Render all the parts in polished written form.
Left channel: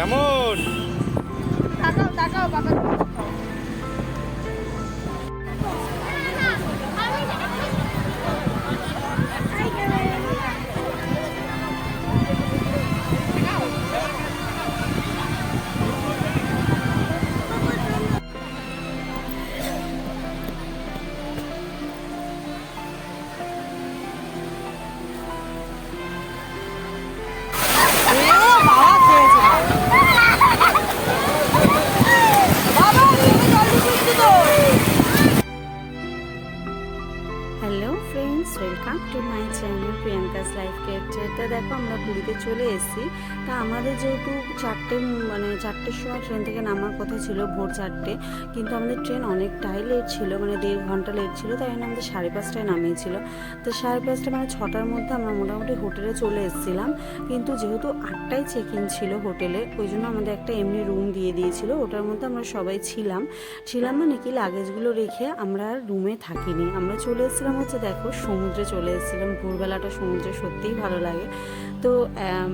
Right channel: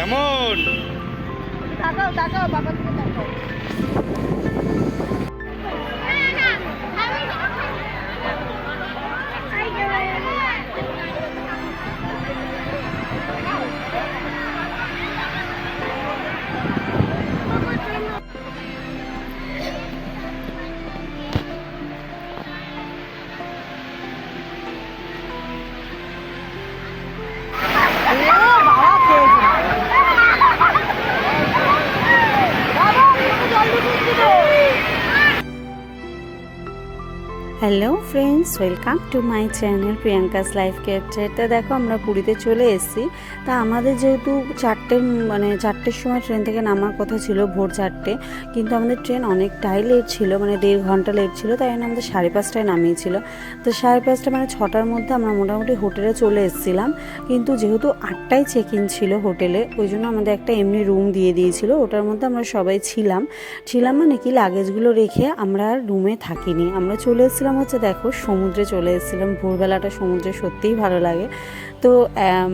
কেমন? Hello friends, welcome to my channel Priyanka's life capture. তা দেখো আমরা পুরীতে চলে এসেছি। তা আমাদের যেহেতু চারটের সময় ট্রেন থেকে নামার কথা ছিল, ভোর 4টে, কিন্তু আমাদের ট্রেন অনেকটাই লেট ছিল, মানে 1.5 ঘন্টা লেট ছিল। তাই জন্য আমাদের 5:30টায় নামিয়েছিল। তো 5:30 মানে 6টার মধ্যে আমরা মোটামুটি হোটেলে চলে এসেছিলাম। কিন্তু যেহেতু 8টায় চেক ইন ছিল হোটেলে, ওই জন্য আমাদের একটা এমনি রুম দিয়ে দিয়েছিল। ওটার মধ্যে আমরা সবাই ছিলাম মানে কি লাগেজগুলো রেখে আমরা রুমে থাকিনি, আমরা চলে এসেছিলাম হচ্ছে দেখো সমুদ্রে চলে এসেছিলাম। ভোরবেলাটা সমুদ্রে সত্যিই ভালো লাগে। তো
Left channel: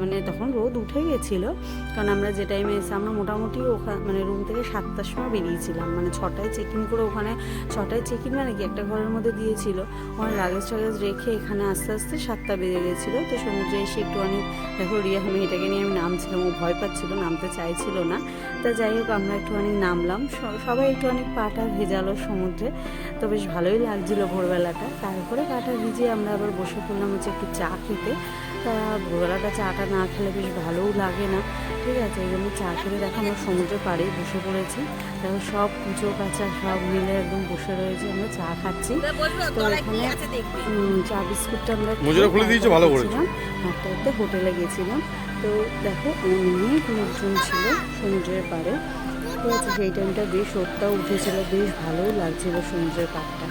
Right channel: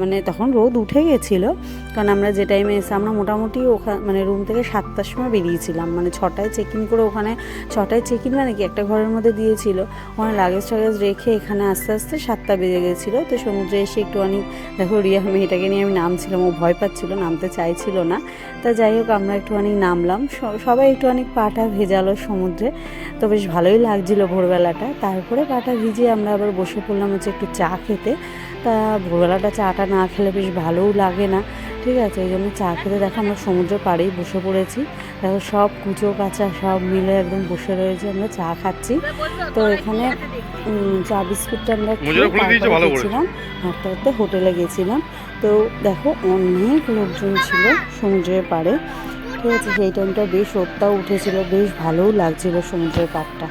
মানে তখন রোদ উঠে গেছিলো, কারণ আমরা যে টাইমে এসে আমরা মোটামুটি মানে রুম থেকে 7টার সময় বেরিয়েছিলাম। মানে 6টায় চেক ইন করে, ওখানে 6টায় চেক ইন মানে কি একটা ঘরের মধ্যে দিয়েছিল, ওখানে লাগেজ টাগেজ রেখে এখানে আস্তে আস্তে 7টা বেজে গেছিলো। তো সমুদ্রে এসে একটুখানি দেখো রিয়া মেয়েটাকে নিয়ে আমি নামছিলাম, ও ভয় পাচ্ছিলো, নামতে চাইছিল না। তা যাই হোক আমরা একটুখানি নামলাম, সবাই একটুখানি পাটা ভেজালো সমুদ্রে। তো বেশ ভালোই লাগছিলো ভোরবেলাটা। তারপরে পাটা ভিজিয়ে আমরা আবার বসে পড়লাম হচ্ছে একটু চা খেতে। তা ভোরবেলাটা চাটা না খেলে বেশ ভালোও লাগে না, ঠিক আছে। এই জন্য চা খেতে দেখো আমরা সমুদ্রের পাড়েই বসে পড়েছি। দেখো সব কুচো কাচা সব মিলে একদম বসে রয়েছে, আমরা চা খাচ্ছি। তো এখানে চা বিস্কুটটা আমরা খেয়েছিলাম, হাঁটতে হাঁটতে হোটেলে গেছিলাম। তো দেখো অনেক লোকজন ছিল সমুদ্রের পাড়ে, ঠিক আছে। সেই টাইমটা বেশ রোদটাও উঠেছিল, বেশ ভালোও লাগছিল সমুদ্রের পাড়টা।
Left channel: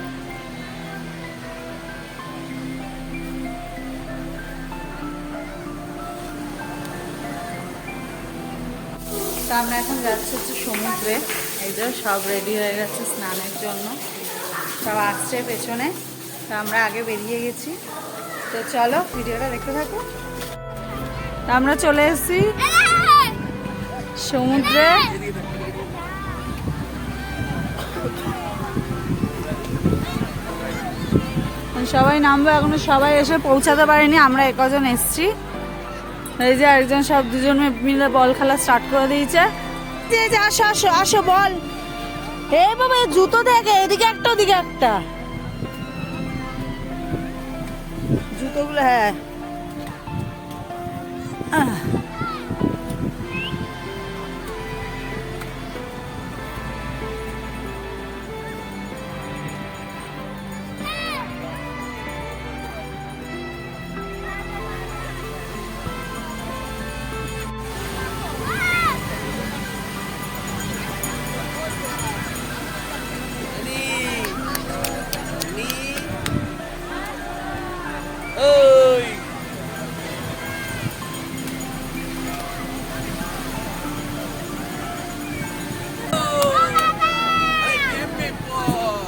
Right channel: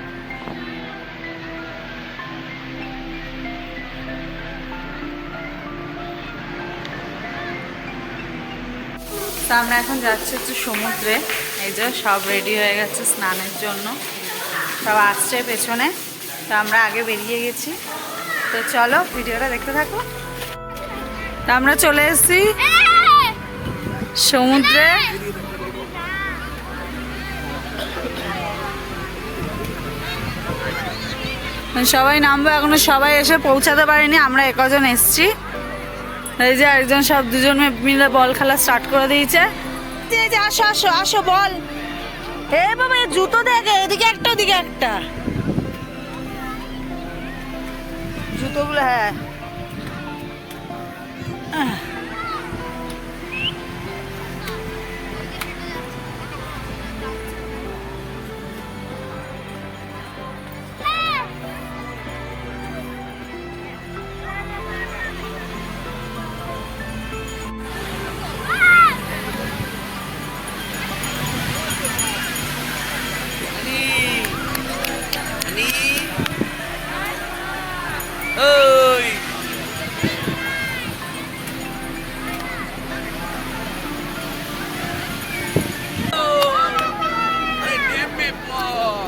তো আমরা এখন যাচ্ছি হচ্ছে সমুদ্রে। এই যে সব রেডি হয়ে গেছে স্নানের জন্য, সব আসছে পেছনে। তো আমরা আগে বেরিয়ে গেছি। তো চলো ভিডিওটা দেখতে থাকো। তো আমরা চলে এসেছি সমুদ্রে। সবাই নামবো, এখনো সবাই এসে পৌঁছাতে পারেনি, আমরা একজন এসছি। এই যে একজন সব দুজন মিলে বল খেলা স্টার্ট করে দিয়েছে। আসো আসো আসো বল। এই বাবা জুতো দেখে, এদিকে একটা ওদিকে একটা, জুতোগুলো হ্যাঁ।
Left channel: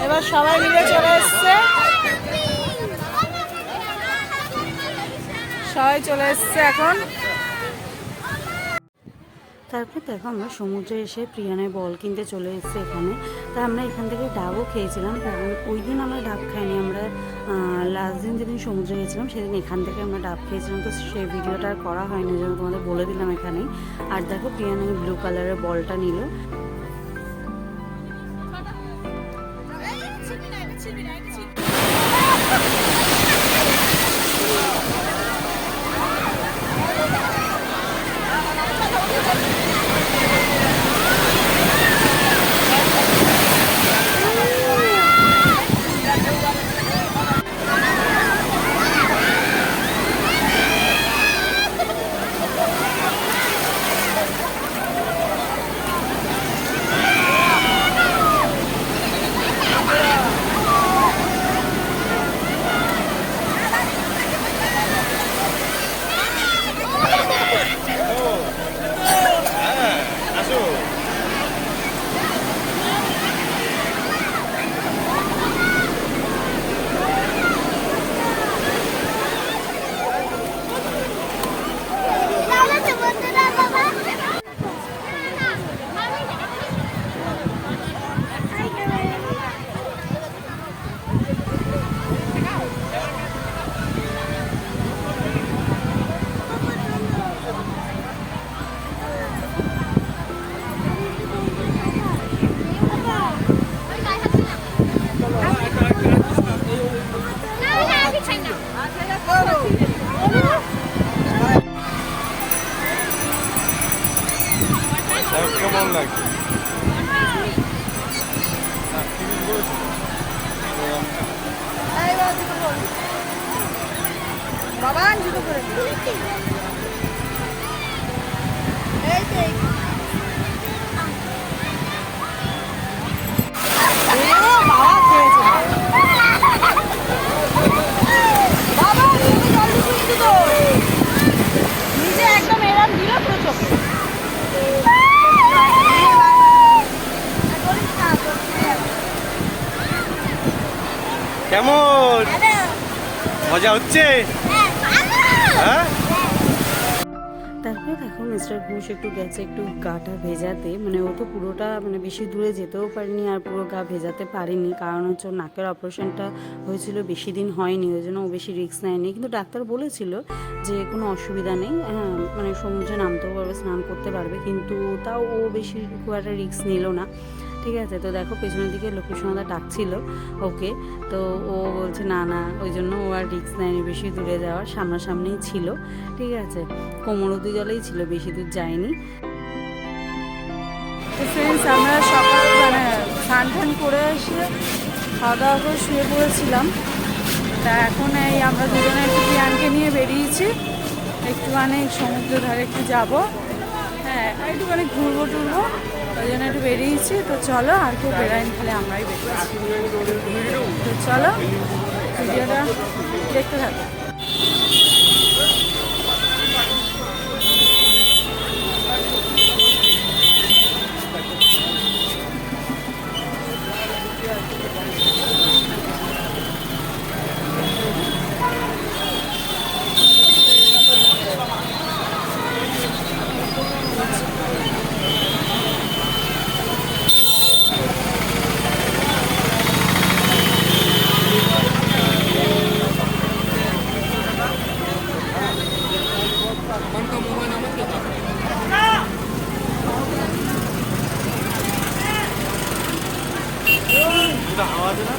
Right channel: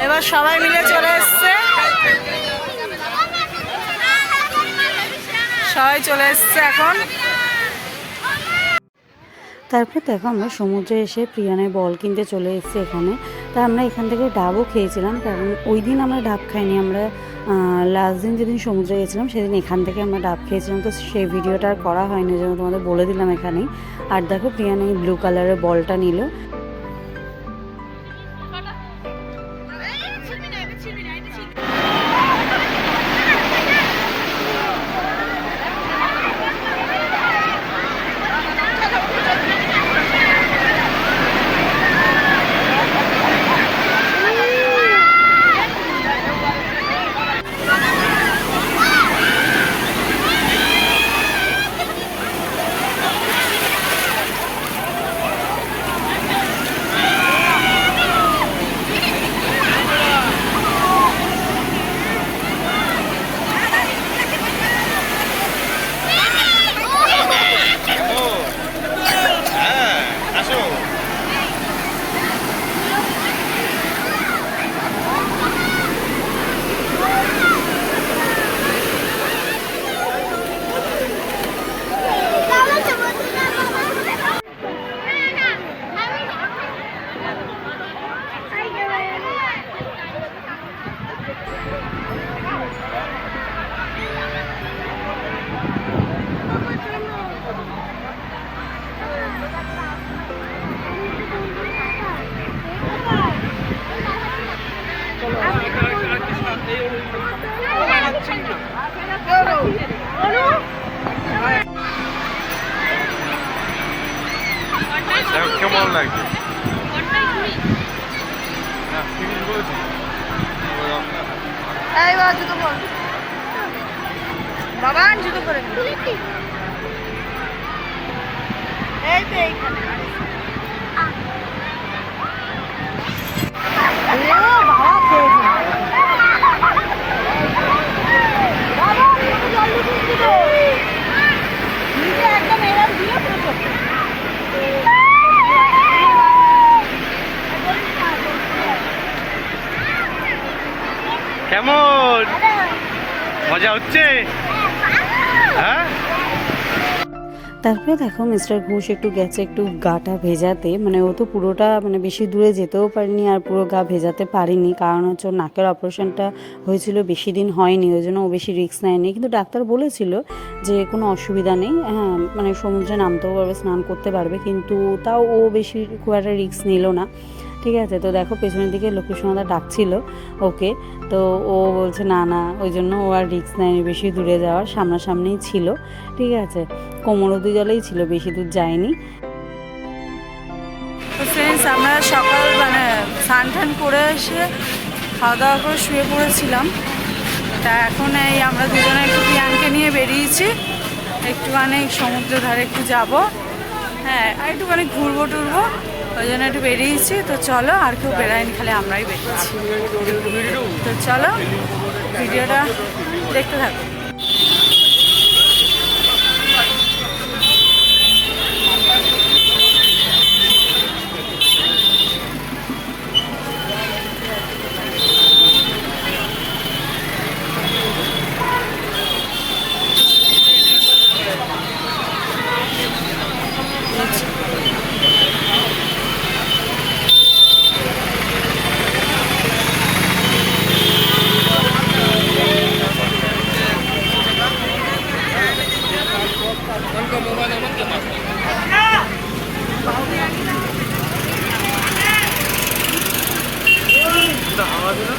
এবার সবাই মিলে চলে এসছে, সবাই চলে এসছে এখন। তারপর দেখো আমরা সমুদ্রে এসে প্রিয়ানের বল কিনতে চলে এসেছি এখানে। তা আমরা এখান থেকে ডাবও খেয়েছিলাম, কারণ ওই দিন আমরা ডাব খাইনি। আমরা লাস্ট দিন যেদিন সমুদ্রে গেছিলাম সেদিন এখান থেকে আমরা ডাব খেয়েছিলাম। তো সেই ভিডিওটা আর করা হয়নি, যেন তোমাদের বলে দিলাম এখানেই। আর দেখো প্রিয়ান এই ব্লু কালারের বলটা নিল। এই বাবা জুতো পর, বাবা জুতো পরে এই তো এইখানে বাবা খেয়েছে বাবা চোখে জল ঢুকিয়ে দিল নিচে একদম এরম দিল পুরো চোখে কেমন মজা হচ্ছে? হ্যাঁ, তারপরে দেখো মিস্টার ঘোষ একটু গেছে একটু গাটা ভেজাতে, মানে ও তো পুরোটা মানে বেশি দূরে যেতেও পারেনি আর পুরো গা ভেজাতে পারেনি, কারণ হচ্ছে ওর নাকের অপারেশনটা হয়েছিল বেশি দিন হয়নি, ওই জন্য ও বেশি রিস্ক নেয়নি। কিন্তু ডাক্তার বলেছিল যে কোনো অসুবিধা নেই, হ্যাঁ মানে সমুদ্রে নামতেও পারবে, স্নান করতে পারবে, কিন্তু তাও ও বেশি খুব একটা রিস্ক নিল না। ঠিক আছে, তো দেখো পেছনের দিকে লোকেশনদা ডাকছিল ওকে, তো ও বলছে না না, ওই জন্য ও আর রিস্ক নেয়নি বেশি দূরে যাওয়ার, সামনাসামনিই ছিল। ঠিক আছে, কোমর অবধি জলেই ছিল, বেশি দূর যায়নি। তো ফ্রেন্ডস আমরা সকাল মানে স্নান টান করে এসে খাওয়া দাওয়া করে শুয়ে পড়েছিলাম। তা এখন এই আমরা দুজনে একটু প্রিয়ানকে নিয়ে বেরিয়েছি, একটুখানি সমুদ্র ধারে একটু যাব, হ্যাঁ আর একটুখানি ঘুরবো টুরবো, ওই জন্য একটু বেরিয়েছি। তো চলো, আর কেউ বেরায়নি, খালি আমরাই বেরিয়েছি। তো চলো ভিডিওটা দেখতে থাকো। হাওয়া দিল।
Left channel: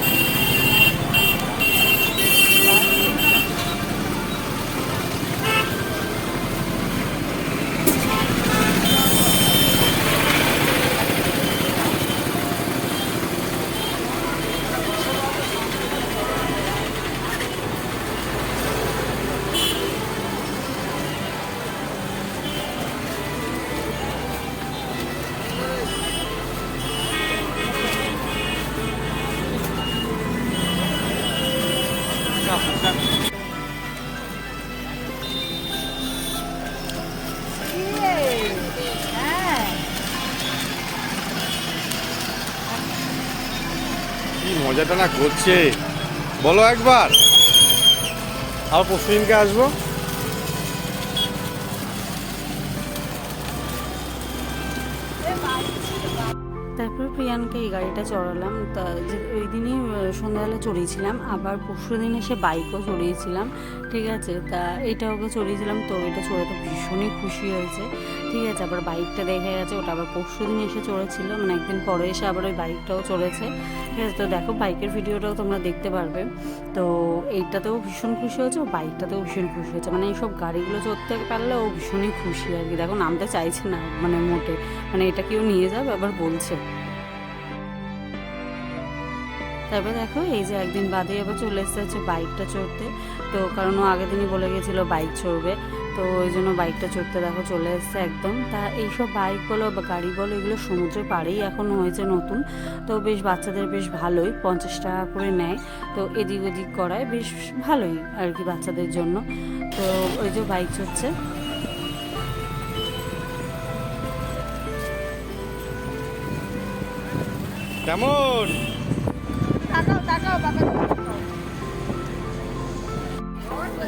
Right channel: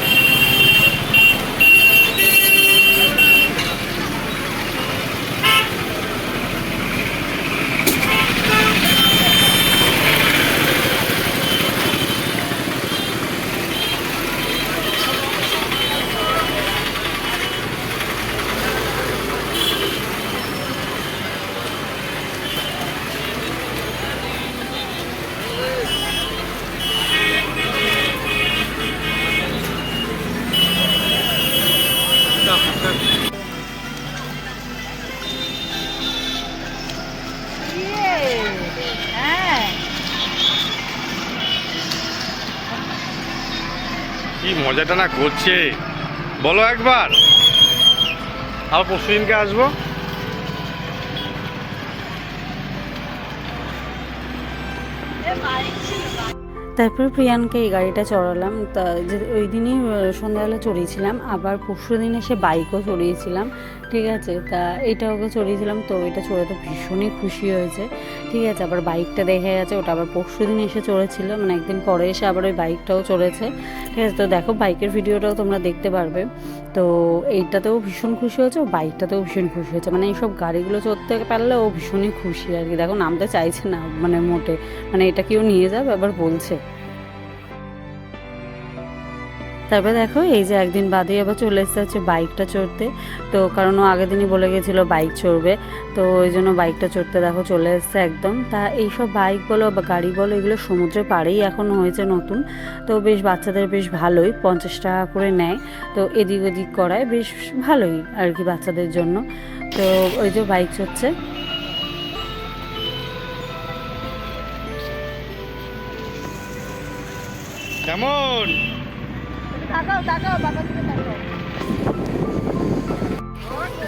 কি মজাটা না করছে বলো একবার, আবার পরশু দিনকে আসবো। তারপর প্রিয়ানকে এই গাড়িটা চড়ালাম, তা ওই দিনই সন্ধ্যাবেলা চড়িয়েছিলাম, আবার পরশু দিন এসে বাইকও চড়িয়েছিলাম। ঠিক আছে, তা এটা ওকে চড়িয়েছিলাম, তো এটা চড়ে তো ভীষণই খুশি হয়েছে। ঠিক আছে, আবার বাইকটা দেখে গেছে, ওটা আবার পরশু দিন এসে চড়েছিল, মানে একদিন পরে এসে আবার ওই বাইকটাও চড়েছে। ঠিক আছে, তো দেখো বাইকের ভিডিওটাও তোমরা দেখতে পারবে। তো এইটাতেও ভীষণ খুশি হয়েছে, ও বাইকটাতেও ভীষণ খুশি হয়েছে, মানে এইসব গাড়িগুলো চড়তে পারলে ও ভীষণই খুশি আর কি। দেখো নামতে চাইছে না মানে মোটে, মানে এটা কেউ নিয়ে যাবে আবার বলছে। তারপরে দেখো এই যে একদিন বাদে আবার চলে এসেছে হচ্ছে বাইকটা চড়তে, তো কারণ ও আগের দিনই বলে গেছিলো বাইক চড়বে, তো ওই জন্য বাইকটা চড়তে দেখো চলে এসছে একদম। তা এইসব বাইক বলো বা গাড়ি বলো এগুলো সমুদ্রের পাড়েই এখন হয়েছে নতুন, তো বেশ বাচ্চাদের বেশ ভালোই, 50 টাকা করে নেয়, তো এদিক ওদিক করায় বেশ ভালোই আর কি বাচ্চাদের জন্য। তো ওই যে বাইক চড়ছে। কেমন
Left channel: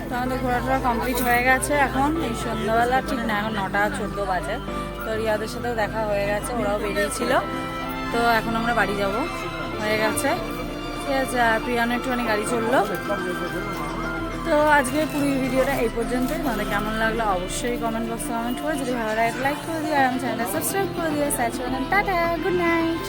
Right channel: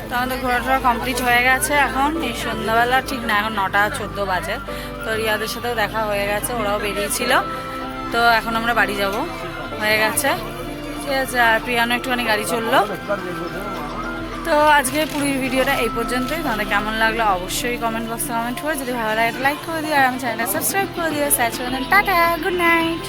তো আমাদের ঘোরাটা কমপ্লিট হয়ে গেছে, এখন এই সন্ধ্যাবেলা ঠিক না, এখন 9:14 বাজে। তো রিয়াদের সাথেও দেখা হয়ে গেছে, ওরাও বেরিয়েছিল, তো এখন আমরা বাড়ি যাব, হয়ে গেছে। ঠিক আছে, আর প্রিয়ানো একটুখানি গাড়ি চললো। তো আজকে পুরো ভিডিওটা এই পর্যন্তই। তোমাদের কেমন লাগলো অবশ্যই কমেন্ট বক্সে কমেন্ট করে, যদি ভালো লাগে লাইক করে দিও, আর আমার চ্যানেলটা সাবস্ক্রাইব করে দিও। Tata, good night.